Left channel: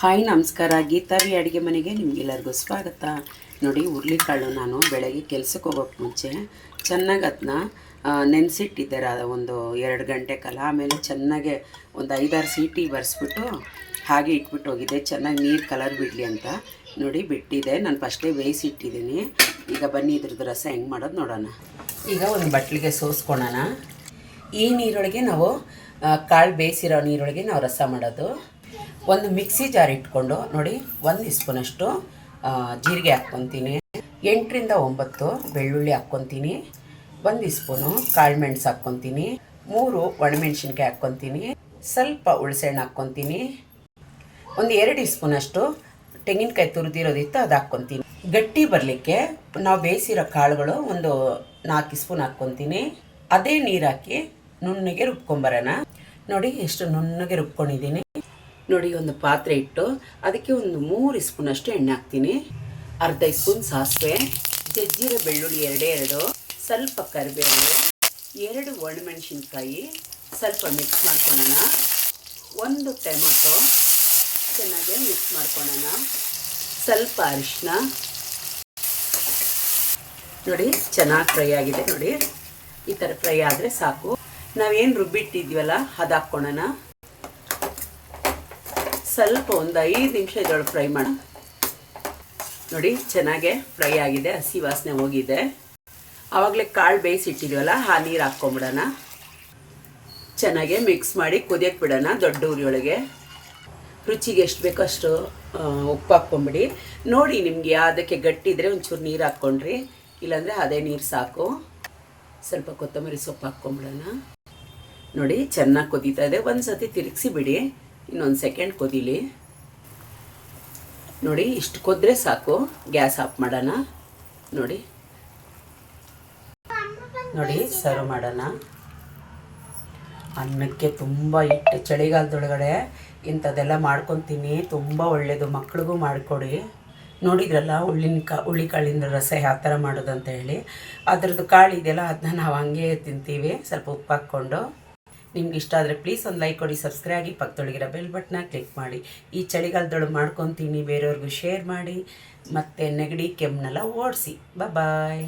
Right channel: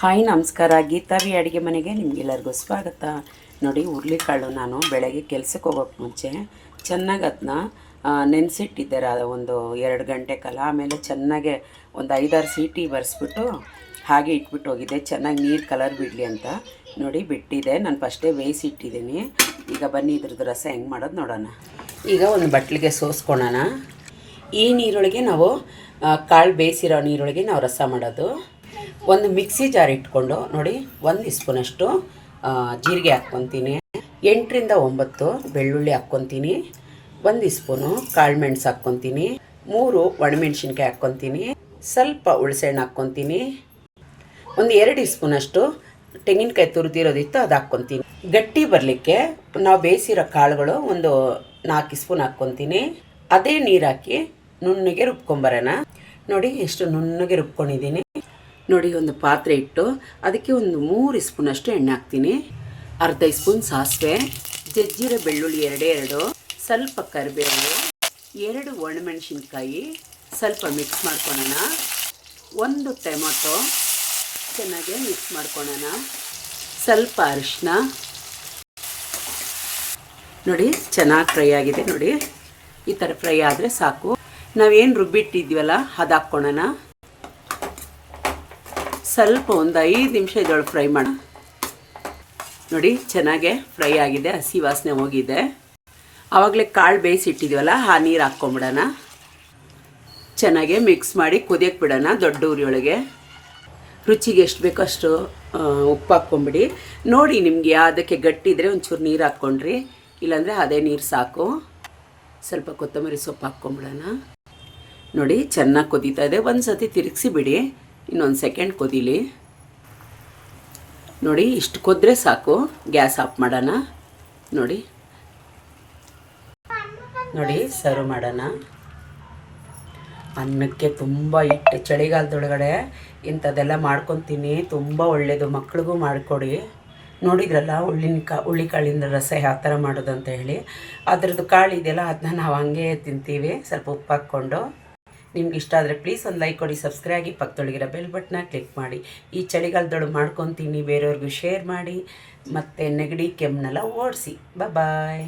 Hi ನಮಸ್ಕಾರ, ಗೀತಾವಿ ಅಡುಗೆ ಮನೆಗೆ ನಿಮಗೆಲ್ಲರಿಗೂ ಸ್ವಾಗತ. ನೋಡಿ, ಹುರುಳಿಕಾಳು ನಾನು ಬೆಳಗ್ಗೆ ಕೆಲಸಕ್ಕೆ ಹೋಗೋಕ್ಕೆ ಮುಂಚೆ ಚೆನ್ನಾಗಿ ಅದನ್ನ ನೆನೆಸಿಟ್ಟಿದ್ದೆ ಒಂದು 2 ಗಂಟೆ ಕಾಲ. ಆಮೇಲೆ ಚೆನ್ನಾಗೆ ಒಂದು 5-6 ಸೀಟಿ ಬರೆಸ್ಬಿಟ್ಟು ಹಾಗೆ ಇಟ್ಬಿಟ್ಟು ಹೋಗಿದ್ದೆ, ಚೆನ್ನಾಗಿ ನೀರು ಕಲರ್ ಬಿಡಲಿ ಅಂತ. ನೋಡಿ ಬಿಟ್ಟಿದೆ, ನಾನು ಫಸ್ಟೇ ಬೇಯಿಸಿಟ್ಟಿದ್ದೀನಿ. ಈಗ ಬನ್ನಿ ಇದ್ರದ್ದು ರಸ ಹೆಂಗೆ ಮಾಡೋದು ನೋಡೋಣ. ಈಗ ಒಂದು ಬಟ್ಲಿಗೆ ಸೋಸ್ಕೊಳ್ಳೋಣ. ಈ ನೀರೊಳಗೆ ನಾವು ಕಾಳು ಬೇಯಿಸಿರೋ ನೀರೊಳಗೆ ನಾವು ರಸ ಮಾಡೋದು. ಒಂದು ಮಿಕ್ಸಿ ಜಾರ್ ಇಟ್ಕೊಂಡು ನೋಡಿ 1 ಸ್ಪೂನಷ್ಟು ಜೀರಿಗೆ ಹಾಕ್ಕೊತೀನಿ, 8ರಿಂದ 9 ಬೆಳ್ಳುಳ್ಳಿ ಹಾಕ್ಕೊತೀನಿ, 1 ಸ್ಪೂನು ಕಾಳು ಮೆಣಸು ಹಾಕ್ಕೊತೀನಿ, 3 ಒಣಮೆಣ್ಸಿನ್ಕಾಯಿ ಹಾಕ್ಕೊತೀನಿ, ಸ್ವಲ್ಪ ಹುಣಸೆಹಣ್ಣು ಹಾಕ್ಕೊತೀನಿ, ಒಂದು 2 ಸ್ಪೂನಷ್ಟು ತೆಂಗಿನಕಾಯಿ ತುರಿದಿರೋದಿತ್ತು ಅದು ಹಾಕ್ಕೊತೀನಿ. ಗಟ್ಟಿ ಬರಲಿಕ್ಕೆ ನಾವು ಬೇಯಿಸಿರೋ ಕಾಳುಗಳು ಒಂದು 4 ಸ್ಪೂನ್ ಹಾಕ್ಕೊತೀನಿ. ಅದೇ ನೀರು ಹಾಕಿ ನುಣ್ಣಗೆ ರುಬ್ಕೊಂಬರೋಣ. ನೋಡಿ ಎಷ್ಟು ನುಣ್ಣಗೆ ರುಬ್ಕೊಂಡಿದ್ದೀನಿ. ನೋಡಿ, ಒಂದು ಪಾತ್ರೆ ಇಟ್ಟು ಅದಕ್ಕೆ ಒಂದು 3 ಸ್ಪೂನಷ್ಟು ಎಣ್ಣೆ ಹಾಕ್ತೀನಿ, ಅರ್ಧ ಸ್ಪೂನ್ ಸಾಸಿವೆ, ಜಜ್ಜಿರೋ ಬೆಳ್ಳುಳ್ಳಿ 2, ಸ್ವಲ್ಪ ಕರಿಬೇವು, 2 ಒಣಮೆಣಸಿನ್ಕಾಯಿ, ಸ್ವಲ್ಪ ಮಿಕ್ಸ್ ಮಾಡ್ಕೊಳ್ಳೋಣ. 1 ಟೊಮೊಟೊ ಚೆನ್ನಾಗಿ ಮಿಕ್ಸ್ ಮಾಡ್ಕೊಳ್ಳೋಣ. ಸ್ವಲ್ಪ ಅರಿಶಿನ. ನೋಡಿ ಚೆನ್ನಾಗಿ ಫ್ರೈ ಆಗಿದೆ. ನೋಡಿ ಈ ಥರ ಫ್ರೈ ಆದರೆ ಸಾಕು. ನಾವೇನು ರುಬ್ಬಿಟ್ಟಿದ್ವಲ್ಲ ಅದು ಹಾಕ್ಕೊಳ್ಳೋಣ. ಸ್ವಲ್ಪ ಒಂದು 5 ನಿಮಿಷ ಇದೊಳಗೆ ಫ್ರೈ ಮಾಡೋಣ. ನೋಡಿ ಚೆನ್ನಾಗೆ ಫ್ರೈ ಆಗಿದೆ, ಹಸಿ ವಾಸನೆ ಹೋಗಿದೆ. ಆವಾಗಲೇ ಕಾಳು ಬೇಯಿಸಿಟ್ಟಿದ್ದೀವಲ್ಲ ಆ ನೀರು ಹಾಕ್ಕೊಂಬಿಡೋಣ. ಚೆನ್ನಾಗೆ ಮಿಕ್ಸ್ ಮಾಡಿ ಕುದಿಯಕ್ಕೆ ಬಿಡೋಣ ದೊಡ್ಡ ಉರಿಯೊಳಗೆ. ರುಚಿಗೆ ಎಷ್ಟು ಬೇಕೋ ಅಷ್ಟು ಉಪ್ಪು ಹಾಕ್ಕೊಂಬಿಡಿ. ನೋಡಿ ನಿಮಗೆ ಅದಕ್ಕೆ ಗಟ್ಟಿ ಇದ್ದರೆ ಒಂಚೂರು ನೀರು ಹಾಕ್ಕೊಂಡ್ರಿ, ಇಲ್ಲಾಂದರೆ ಅದೇ ನೀರು ಸಾಕು. ಸ್ವಲ್ಪ ಕೊತ್ತಂಬರಿ ಸೊಪ್ಪು ಹಾಕ್ಕೊಂಬಿಡೋಣ. ನೋಡಿ ಚೆನ್ನಾಗಿ ಕುದೀತಾ ಇದೆ. ಒಂದು ಸತಿ ತಿರುಗಿಸಿ ಬಿಡಿ, ಇನ್ನೊಂದು ಸೆಕೆಂಡ್ ಕುದೀಲಿ. ನೋಡಿ ಇಷ್ಟು ಕುದ್ರೆ ಸಾಕು, ಗ್ಯಾಸ್ ಆಫ್ ಮಾಡೋಣ. ನೋಡಿ ನೋಡಿ ಸರ್ವ್ ಮಾಡೋಣ. ಅನ್ನಕ್ಕೆ ತುಂಬ ಹಿಟ್ಟು, ಚಳಿಗಾಲದೊಳಗಡೆ ಇಂಥದ್ದೆಲ್ಲ ಮಾಡ್ಕೊತೀನಿ, ತುಂಬ ಒಳ್ಳೆಯದು. ಮಕ್ಳಿಗೂ ಮಾಡಿಕೊಡಿ. ನೋಡಿದ್ರಲ್ಲ ಹುಳ್ಳಿಕಾಳಿಂದ ರಸ ಯಾವ ಥರ ಮಾಡೋದು ಅಂತ ಹೇಳಿ. ಅದ್ರದ್ದು ಕಾಳು ಇದೆಯಲ್ಲ ಅದನ್ನ ನಾವು ಹಂಗೆ ತಿಂತೀವಿ, ಸ್ವಲ್ಪ ಉಪ್ಪು ಹಾಕ್ಕೊಂಡು. ನಿಮ್ಗೆ ಇಷ್ಟ ಆದರೆ ಪ್ಲೀಸ್ ಒಂದು ಲೈಕ್ ಕೊಡಿ, ಸಬ್ಸ್ಕ್ರೈಬ್ ಆಗಿ, ಪಕ್ಕದೊಳಗಿರೋ ಬೆಲ್ ಬಟನ್ನ ಕ್ಲಿಕ್ ಮಾಡಿ. ಈ ಚಳಿಗಾಲದೊಳಗೆ ಮಾಡ್ಕೊತೀನಿ, ಬೇರೆಯವ್ರಿಗೂ ಶೇರ್ ಮಾಡಿ, ಮತ್ತು ನೆಗಡಿ ಕೆಮ್ಮನ್ನೆಲ್ಲ ಓಡಿಸಿ. ಬಾಯ್.